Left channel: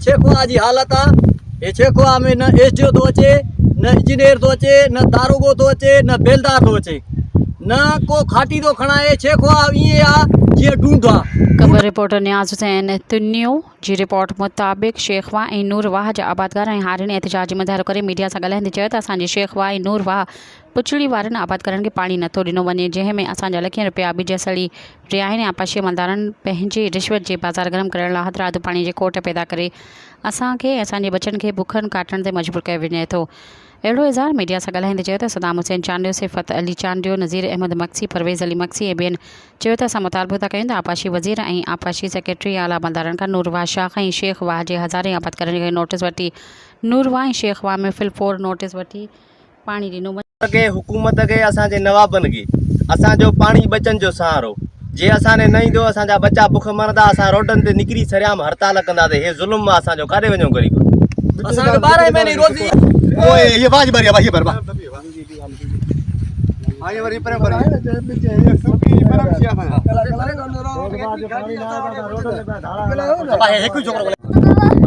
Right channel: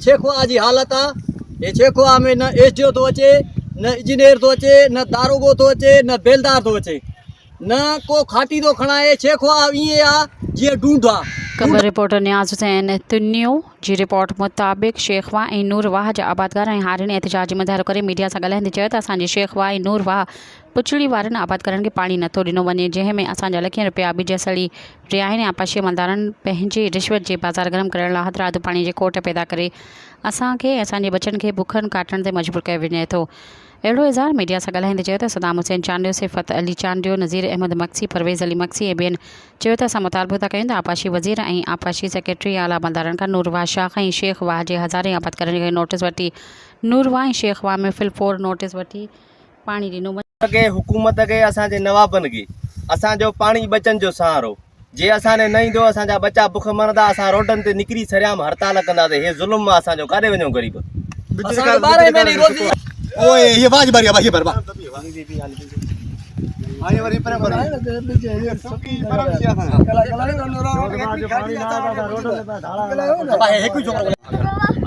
छेखवा जी हालत आहे। ये छेखवा में न एसडीओ थो अचे, न इंजीनियर थो अचे, न दारोगो थो अचे, न बेलदार थो अचे, न को खाटी थो खणाए। छेखवा ईअं आहे जीअं ढूंढ आहे। ख़बर रिपोर्टर नियाज़ हुसैन तुन्नियो जी रिपोर्ट मुताबिक़ शेखवा ऐं नूरवाह जा आबादगार ऐं हारियुनि एहतिजाज मुज़ाहिरो करे मीडिया सां ॻाल्हाईंदे चयो त असांजे शेखवा ऐं नूरवाह पुछड़ी वारनि आबादगारनि खे पाणी नथो ॾिनो वञे, जंहिं में असांजा लखियन रुपया ॿिज सड़ी रहिया आहिनि। आपाशी अमलदारनि पंहिंजे रिश्वत जे बाज़ार गरम करण लाइ हद राति पाणी जे कोट पैदा करे असांखे ऐं असांजे बचनि खे बुखनि काटण ते मजबूर कयो वञे थो। अहिड़ो इज़हार मीडिया सां ॻाल्हाईंदे चयो त सदाम हुसैन चांडियो, सिफ़त अली चांडियो, नज़ीर अहमद मक्सी, परवेज़ अली मक्सी ऐं ॿियनि चयो त असां मुतालबो था कयूं त आपाशी वज़ीर ऐं आपाशी सेक्रेटरी आला अमलदारनि खां नूरवाह शाख ऐं शेखवाह जे हज़ारे आबादकारनि खे नोटिस वठी नूरवाह ऐं शेखवाह में फिलफोर नोटिस वठी पाणी ॾिनो वञे। हुकूमत खे असांजे नवाबनि खे असांजो पाणी बचनि जो सहारो जे असांने न ईंदो असांजा बच्चा बुख मरंदा, असां रोडनि ते निकिरी सरियाम हड़ताल कंदासीं। हे ज़ुल्म आहे असांजो, काॾे वञूं ग़रीब? असांखे 12 महीने रोज़ी ओए ये बाज बारिया भाई पर बा आए वरी पर वरी सुकी परम सिया था अब आहे हिकु छोकरो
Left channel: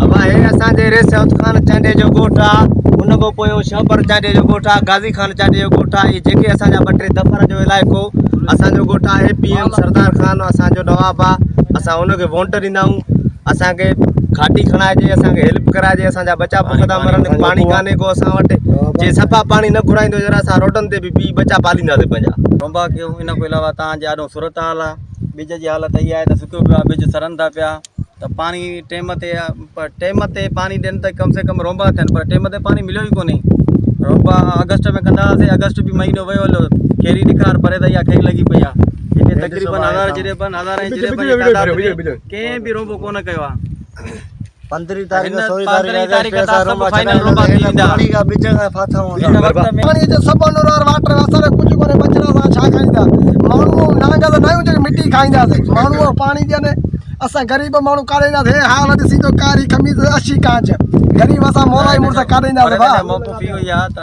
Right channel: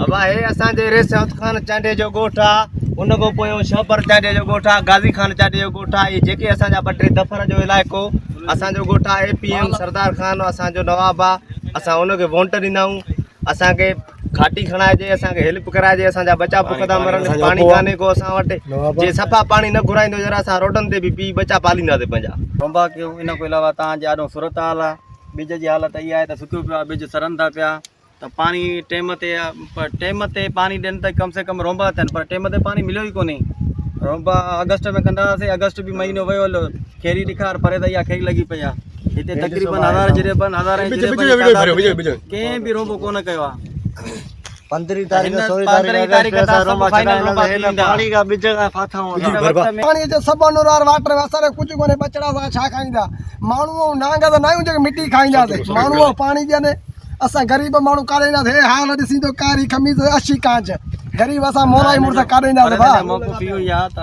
अब हे असांजे रेसौत खान चांडे जो ॻोठ आहे, उन खां पोइ शहबर चांडे जो ॻोठ आहे, गाज़ी खान चांडे जो ॻोठ आहे। जेके असांजा 2-3 दफ़र जो इलाइक़ो असांजो ॻोठ आहे। APM सरदार खान असांजो नवाब आहे, असां उनखे वोट ॾींदा आहियूं। असांखे खाटी खणाइजे, असांखे हेल्प कराइजे, असांजा बच्चा बुख था मरनि, पाणी कान्हे को असां वटि। जे सफ़ा पाणी न घुराईंदो जरा असां रोडनि ते बि पी बच्चा पालींदासीं पंहिंजा। रोंबा कयो। इन खां अलावा तव्हांजे ॾाढो सूरत हाल आहे, ॿिज जी हालत इहा आहे त सुकियो पियो आहे, ॿिज सरनि था पिया। त पाणी टेम ते पाणी ॾियनि त कम से कम रोंबा अथनि, पर टेम ते पाणी मिलियो ई कोन्हे। रोंबा अगस्त में कंदा हुआसीं, अगस्त बि महीनो वियो हलो, कहिड़ी ॾिकार परे त इहा खई लॻी पई आहे। हिते तक़रीबन कंहिं बि रोंबो कोन कयो आहे। 15 तारीख 16 तारीख सब फाइनल रोंबा थी वेंदा। पानी का बिच का फाथा पानी जो सब अनुरार वाटर असां कुछ कोने बचड़ा सा छा खाईंदा। माण्हू नांगा त न हुजे मिट्टी खाईंदासीं, माण्हू पानी ॾियनि। असां गरीब माण्हू काढ़ींदासीं। हाल ॾिसी तो कारी खमीस 80 कांच, गरीब असां मोला ई मुड़स काढ़ींदासीं। मौक़ो थी वई आहे त